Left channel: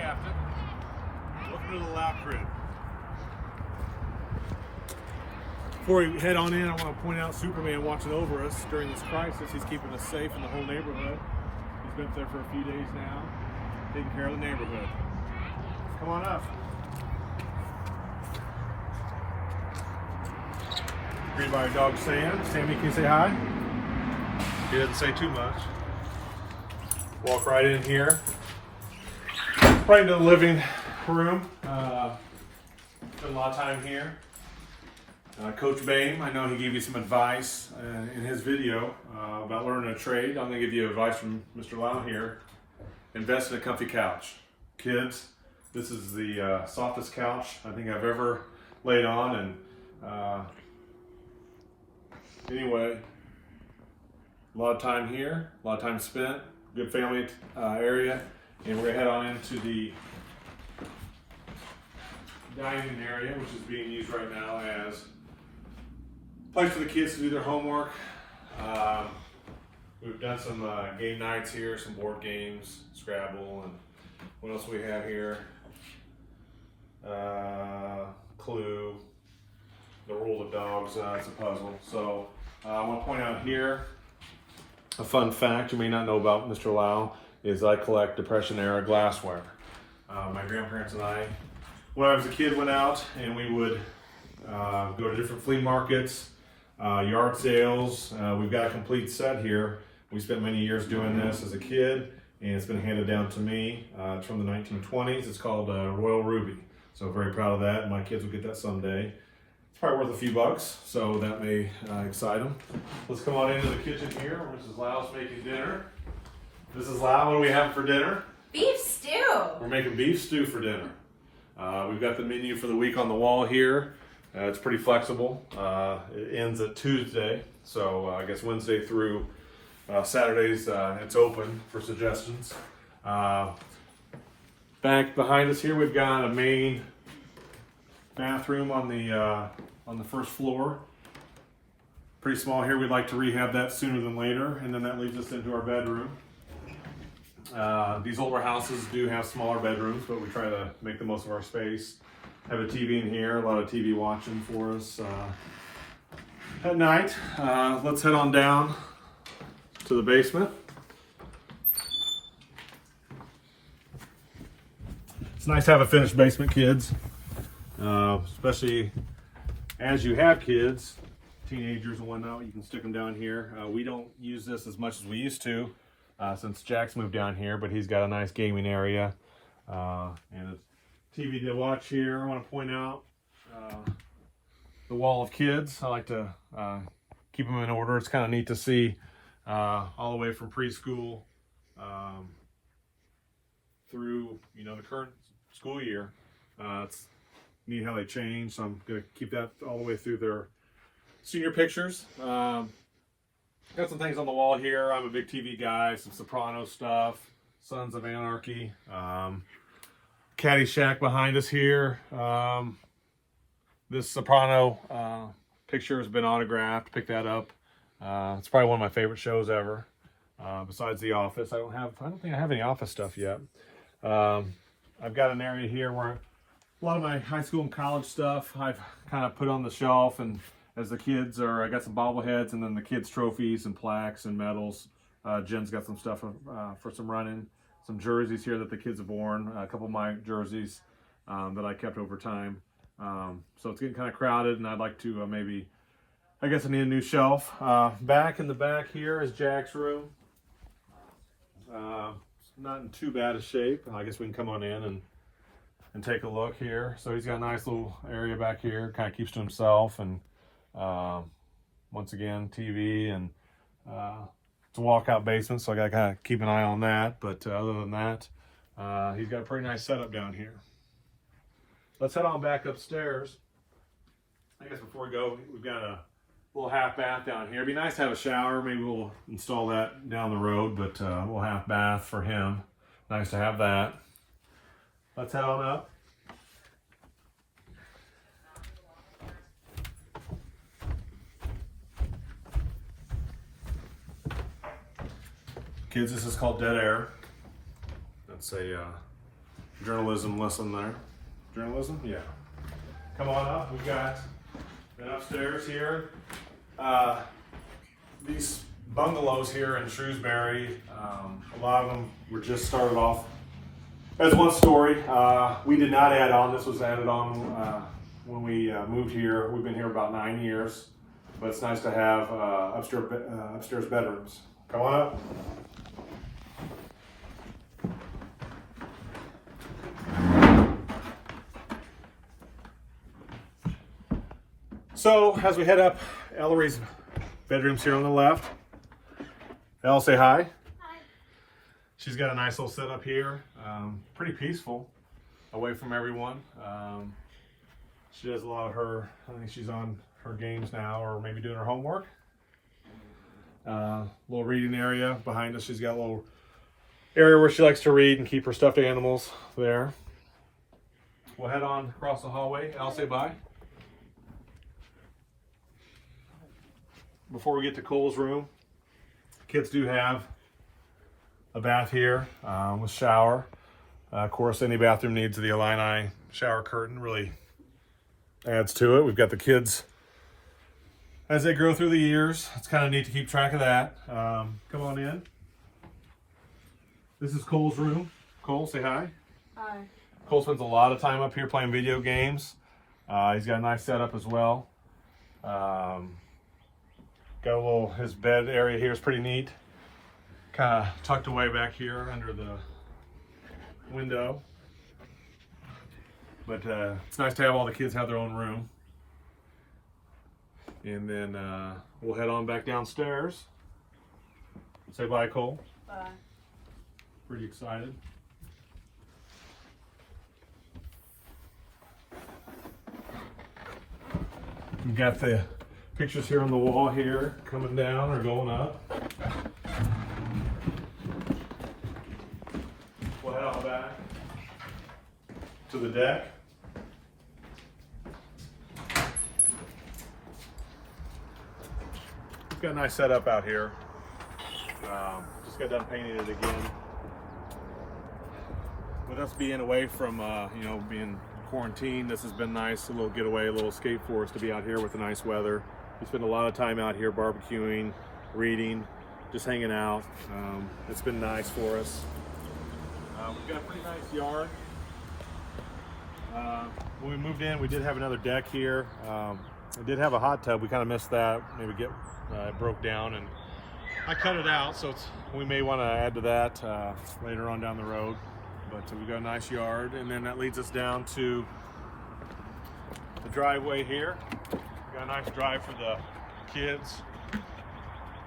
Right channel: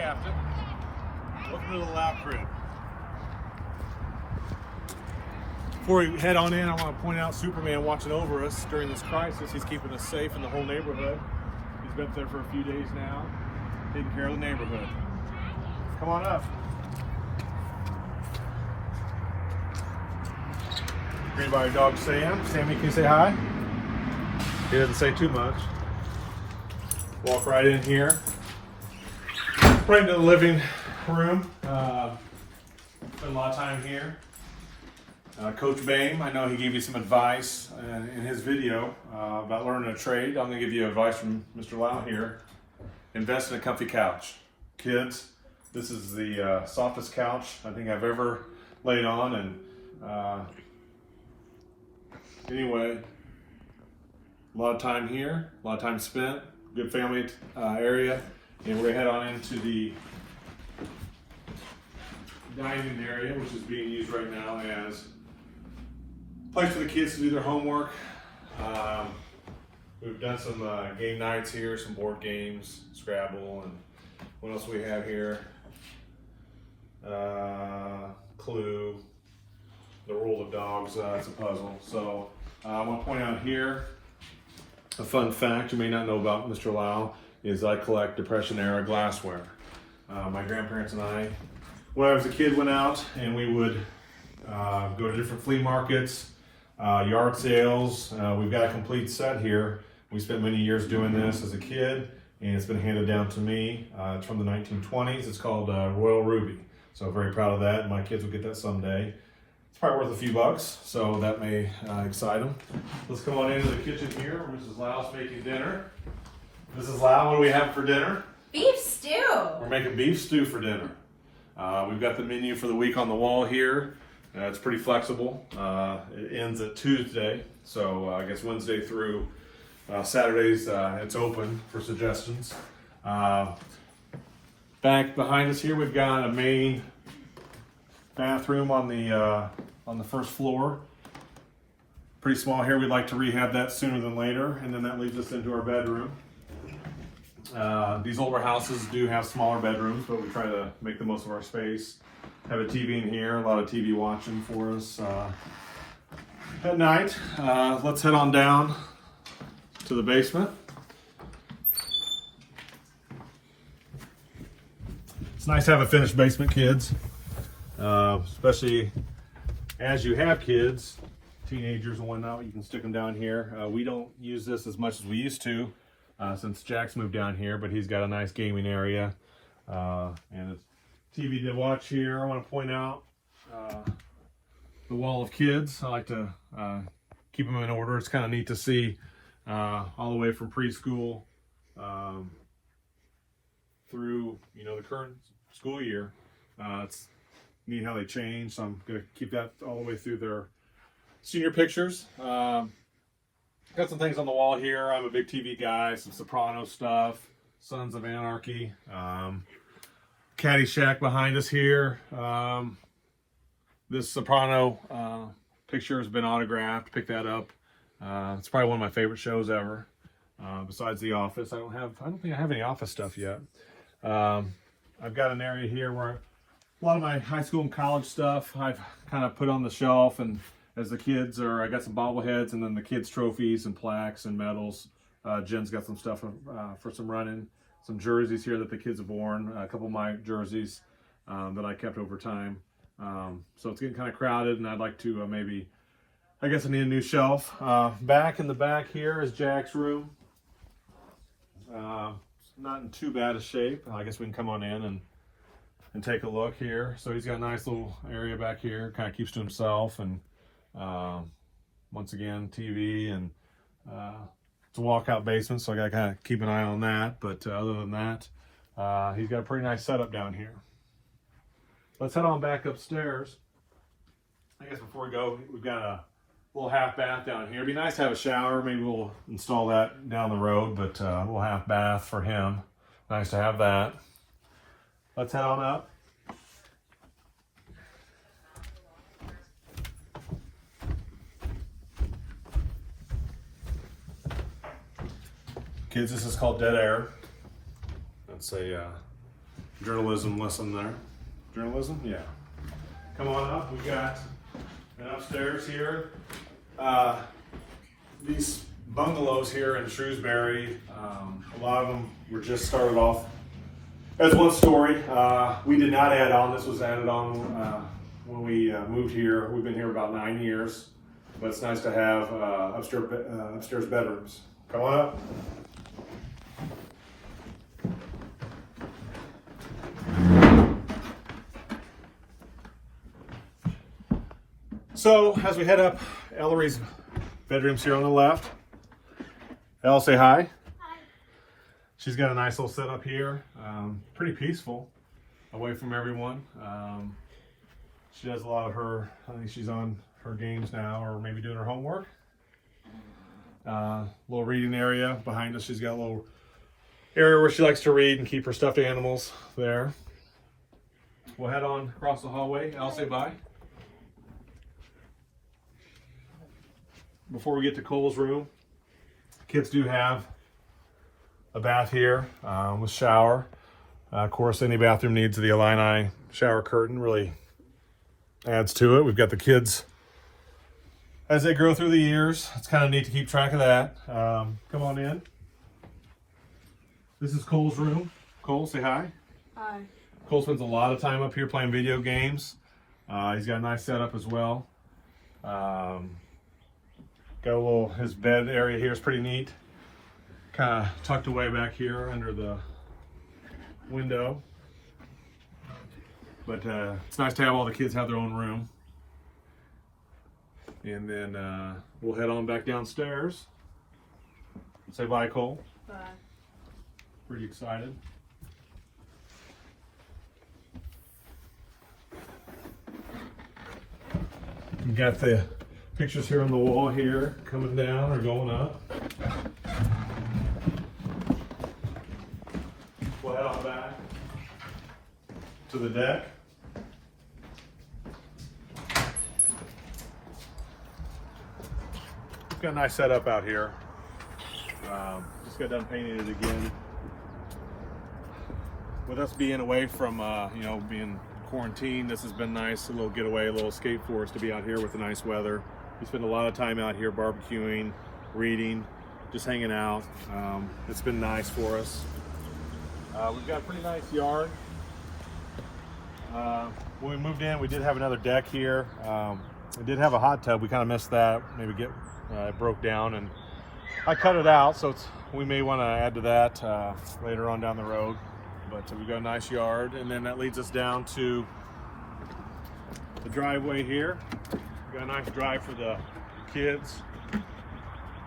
Hey Affton, welcome to the Laue crib. Before we head on in, I want to point out Superman watching over us during this crisis. He's keeping us safe in the whole neighborhood. He's been up there for a few days now, taking care of the neighborhood. Come on up. Greeted by our dog Sam. Sammy, can you say hi? He doesn't say too much. Walk right in here. Right into the living room. Spend a lot of time here. Coach Bame, I know he gave you some advice in his video about learning a trade. I'm going to give you advice from Mr. Laue here. Invest in a comfy couch. Kids, this is the softest couch I think I've ever laid on. And anyway, a lot of time here, a lot of time spent, good family area. And we're going to head on into the dining area, which is being used right now as a place for the kids to do their homework. We've done some game nights here, some board games, Scrabble, and what else we have here? Clue, the rule of dogs, it's a puzzle. So I want to point out here a fun fact you may not know about Mr. Laue is I collect Depression-era glassware. My grandparents and I, when I was a kid, went out and we would go to different flea markets, yard sales. We've got a complete set here. We spent many years doing this as a kid, and it's been handed down to me. It's from the 1920s. It's called Royal Ruby. So I'm very proud of that. My kids will get that someday. It's probably worth a few bucks, so that may excite them. Let's come on into the kitchen here. Mrs. Laue's making dinner. Mrs. Laue, what do we have for dinner? Beef stew. We're making beef stew for dinner. We've got the menu for the week on the wall here. It's pretty flexible. It ends at Tuesday, so I guess Wednesday through Saturdays it's open for suggestions. Back behind us here, we've got a main bathroom on the first floor. Pretty small here. We'd like to rehab that sooner than later, and then that leads us into our bedroom. These older houses do have smaller bedrooms, but we try to make the most of our space. Have a TV in here, a lot of TV watching for us at night. Let's head on down to the basement. It's nice to have a finished basement, kids, especially as you have kids, teenagers and whatnot. You can stick them down here. We don't use this as much as we used to. Since Jack's moved down here, but he's got a nice gaming area and a TV to watch here. I want to point out the wall of kids. I like to keep them in order. It's kind of neat to see all the way from preschool through the current school year. It's neat how they change, so I'm going to keep that all the way through their senior pictures. Got some things on the wall here. I'm a big TV guy, some Soprano stuff, Sons of Anarchy, Caddyshack behind us here. This Soprano picture has been autographed. Pick that up. It's probably one of my favorite shows ever. Besides The Office, I don't think I have any Office stuff yet. I've got an area here where a lot of my high school and college stuff I've kind of put on the shelf, and as the kids I got some bobbleheads, and then the kids' trophies and plaques and medals. Jen's got some stuff for some running, some jerseys here that the kids have worn, a couple of my jerseys that I kept over time. So it's getting kind of crowded, and I'd like to maybe, I guess I need a new shelf. Back in the back here is Jack's room. Not in too bad a shape. I guess we can come on in and take a look here. So he's got a nice little area back here, kind of keeps to himself, and once again, TV, and it's a walkout basement, so I gotta kind of keep an eye on that. But other than that, he's got a pretty nice setup down here. Let's head on back upstairs. I guess before we go, we've got a little half bath down here. It'd be nice to have a shower. Maybe we'll install that down the road, but a little half bath for him. Nice to have that. Let's head on up. Kids, this is called dead air. That's a journalism lesson there. Journalism? Yeah. Come on up. We got an upstairs here. These bungalows here in Shrewsbury, a lot of them were just started off as one story. We did not add on. This was added on when we moved here. We've been here about 9 years, but it's nice to have upstairs bedrooms. Come on up. So as we head up, Ellery's bedroom's here on the left. Elle, say hi. Hi. She's got a nice little setup here. Pretty peaceful, away from everyone. She does a lot of her, I think she's on her games now, or maybe doing her homework. Little reading area behind us. She's got a little area where she likes to read and keep her stuffed animals there. We'll head on across the hallway. Elle, say bye. Before we get to Cole's room, kids do have a bath here, a shower. Of course, any bathroom needs the Illini shower curtain, really adds to it. We've got the kids as they grow through the years. It's kind of neat to keep track of that. Come on in. This is Cole's room. Cole, say hi. Hi. Cole spends a lot of time up here playing video games. He's got a nice setup as well. Got a little, his bed area here is pretty neat. Kind of tucked away back here under the window. But it's nice to have all the kids have their own room. And then we'll head on back downstairs. Say bye, Cole. Bye. Pretty excited. You got the pictures here on the wall here, coming down or going up. We'll head on back to the deck. Got a nice setup out here. Just got done painting it again. With us being away from, being quarantined, this has been nice. A little getaway, a little escape for us to be out here with the nice weather. We spend a lot of time out here barbecuing, reading, just hanging out. It's been nice for us. We've got a pretty nice yard. When we moved in, we did have another deck here. We did have a hot tub. We kind of missed that. Maybe broke down, and I cut it out, so we may want to add to that later on down the road. But we've got a nice yard, and then that leads us down to the driveway here. Got a nice drive for the kids.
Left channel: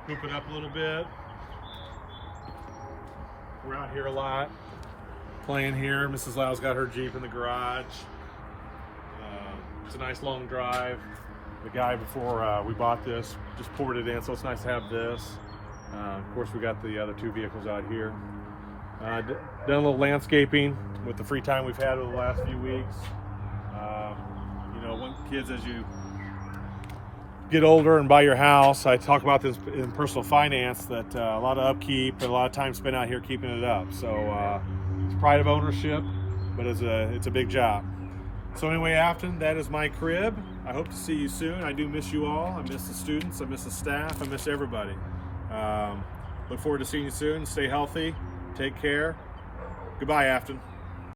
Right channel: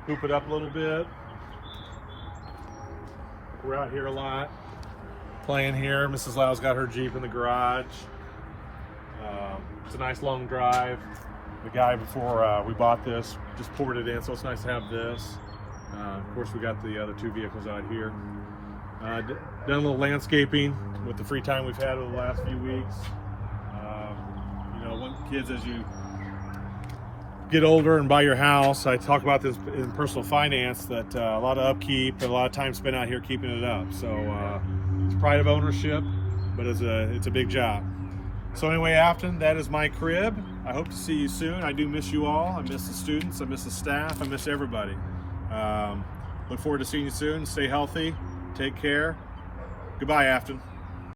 Hoop it up a little bit. We're out here a lot, playing here. Mrs. Laue's got her Jeep in the garage. It's a nice long drive. The guy before we bought this just poured it in, so it's nice to have this. Of course, we got the other two vehicles out here. Done a little landscaping with the free time we've had over the last few weeks. Kids, as you get older and buy your house, I talk about this in personal finance, that a lot of upkeep and a lot of time spent out here keeping it up. So it's pride of ownership, but it's a big job. So anyway, Affton, that is my crib. I hope to see you soon. I do miss you all. I miss the students. I miss the staff. I miss everybody. Look forward to seeing you soon. Stay healthy. Take care. Goodbye, Affton.